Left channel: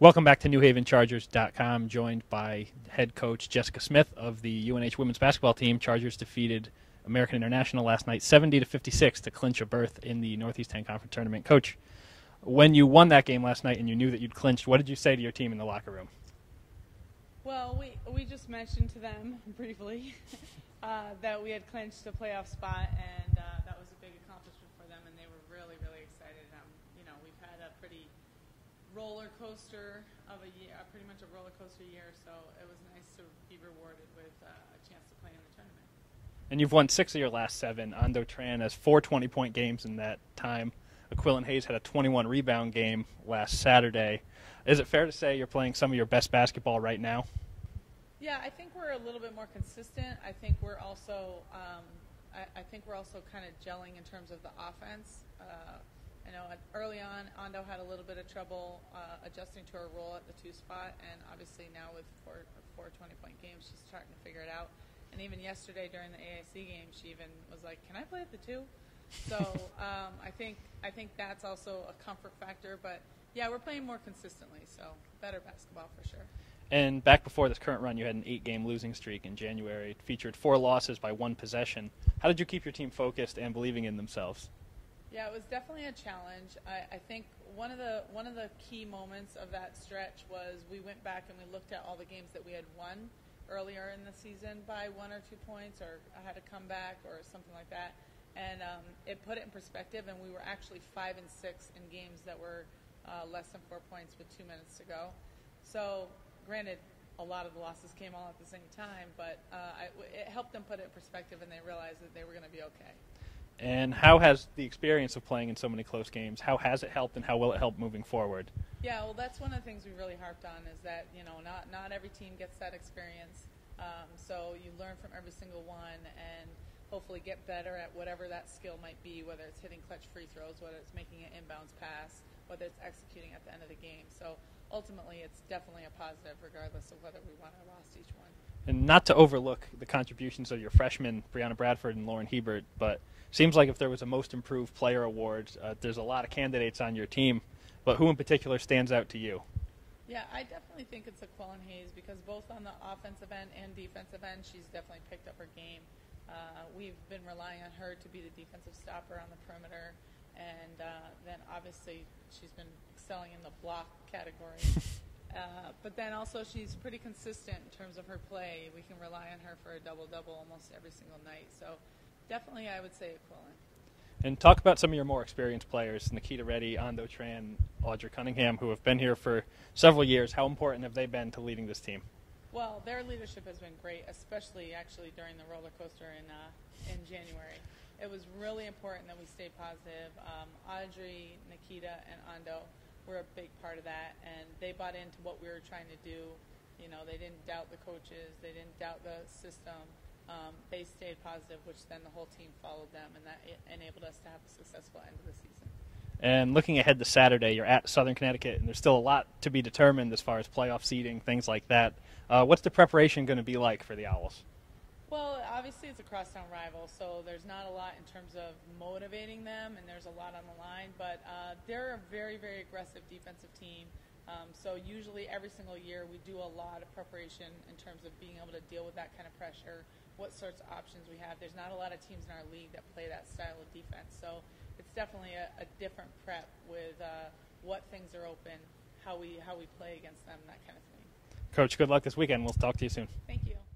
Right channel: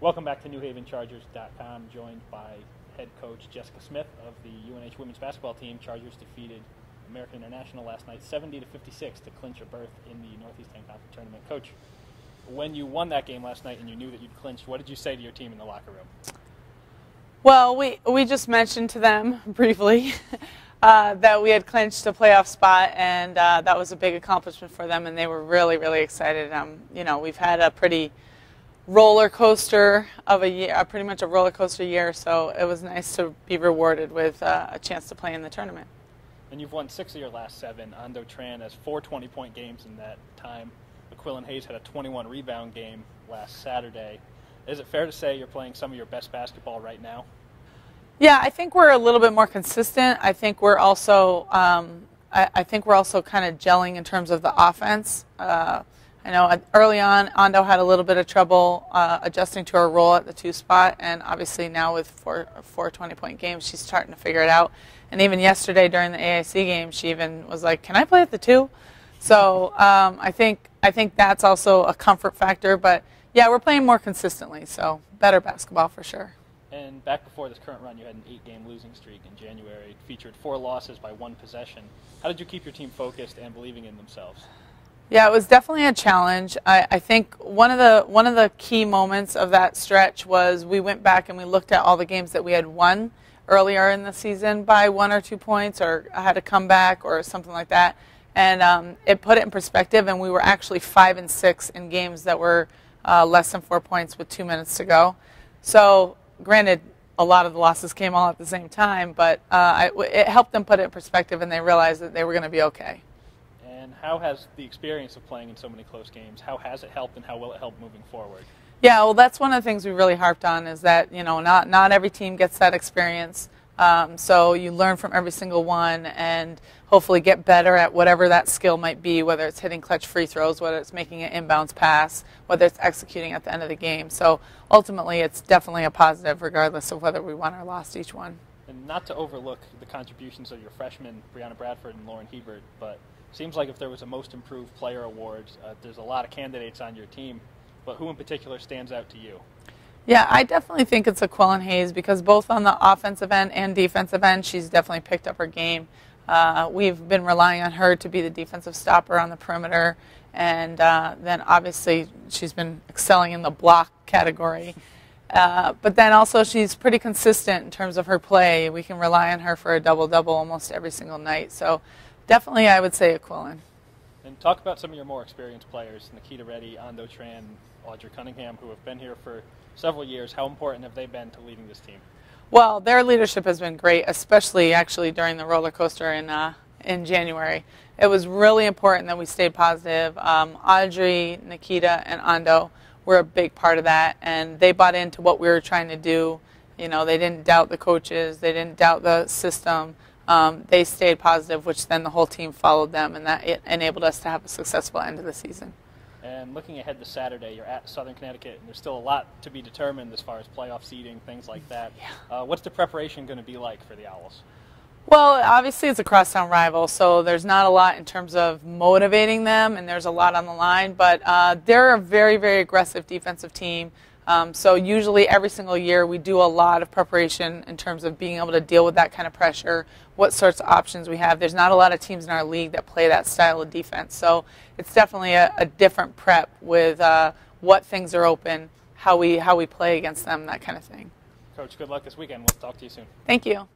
Welcome back to NewHavenChargers.com, joined by head coach Jessica Smith of the UNH women's basketball team. Chargers defeated American International last night 70-56 to clinch a berth in the Northeast 10 Conference Tournament. Coach, when you won that game last night and you knew that you'd clinched, what did you say to your team in the locker room? Well, we just mentioned to them briefly that we had clinched a playoff spot, and that was a big accomplishment for them, and they were really, really excited. We've had a pretty roller coaster of a year, pretty much a roller coaster year, so it was nice to be rewarded with a chance to play in the tournament. And you've won 6 of your last 7. Ando Tran has 4 20-point games in that time. Aquillan Hayes had a 21-rebound game last Saturday. Is it fair to say you're playing some of your best basketball right now? Yeah, I think we're a little bit more consistent. I think we're also kind of gelling in terms of the offense. I know early on, Ando had a little bit of trouble adjusting to her role at the 2 spot, and obviously now with four 20-point games, she's starting to figure it out. And even yesterday during the AIC game, she even was like, "Can I play at the 2?" So I think that's also a comfort factor. But yeah, we're playing more consistently, so better basketball for sure. And back before this current run, you had an 8-game losing streak in January. It featured 4 losses by 1 possession. How did you keep your team focused and believing in themselves? Yeah, it was definitely a challenge. I think one of the key moments of that stretch was we went back and we looked at all the games that we had won earlier in the season by 1 or 2 points, or had a comeback or something like that, and it put it in perspective. And we were actually 5-6 in games that were less than 4 points with 2 minutes to go. So, granted, a lot of the losses came all at the same time, but it helped them put it in perspective, and they realized that they were going to be okay. And how has the experience of playing in so many close games, how has it helped and how will it help moving forward? Yeah, well, that's one of the things we really harped on, is that, not every team gets that experience. So you learn from every single one and hopefully get better at whatever that skill might be, whether it's hitting clutch free throws, whether it's making an inbounds pass, whether it's executing at the end of the game. So ultimately, it's definitely a positive regardless of whether we won or lost each one. And not to overlook the contributions of your freshmen, Brianna Bradford and Lauren Hebert, but seems like if there was a Most Improved Player award, there's a lot of candidates on your team, but who in particular stands out to you? Yeah, I definitely think it's Aquillan Hayes, because both on the offensive end and defensive end, she's definitely picked up her game. We've been relying on her to be the defensive stopper on the perimeter, and then obviously she's been excelling in the block category. But then also she's pretty consistent in terms of her play. We can rely on her for a double-double almost every single night. So definitely I would say Aquillan. And talk about some of your more experienced players, Nikita Reddy, Ando Tran, Audrey Cunningham, who have been here for several years. How important have they been to leading this team? Well, their leadership has been great, especially actually during the roller coaster in January. It was really important that we stayed positive. Audrey, Nikita, and Ando were a big part of that, and they bought into what we were trying to do. They didn't doubt the coaches. They didn't doubt the system. They stayed positive, which then the whole team followed them, and that it enabled us to have a successful end of the season. And looking ahead to Saturday, you're at Southern Connecticut, and there's still a lot to be determined as far as playoff seeding, things like that. Yeah. What's the preparation going to be like for the Owls? Well, obviously it's a crosstown rival, so there's not a lot in terms of motivating them, and there's a lot on the line, but they're a very, very aggressive defensive team. So usually every single year we do a lot of preparation in terms of being able to deal with that kind of pressure, what sorts of options we have. There's not a lot of teams in our league that play that style of defense. So it's definitely a different prep with what things are open, how we play against them, that kind of thing. Coach, good luck this weekend. We'll talk to you soon. Thank you.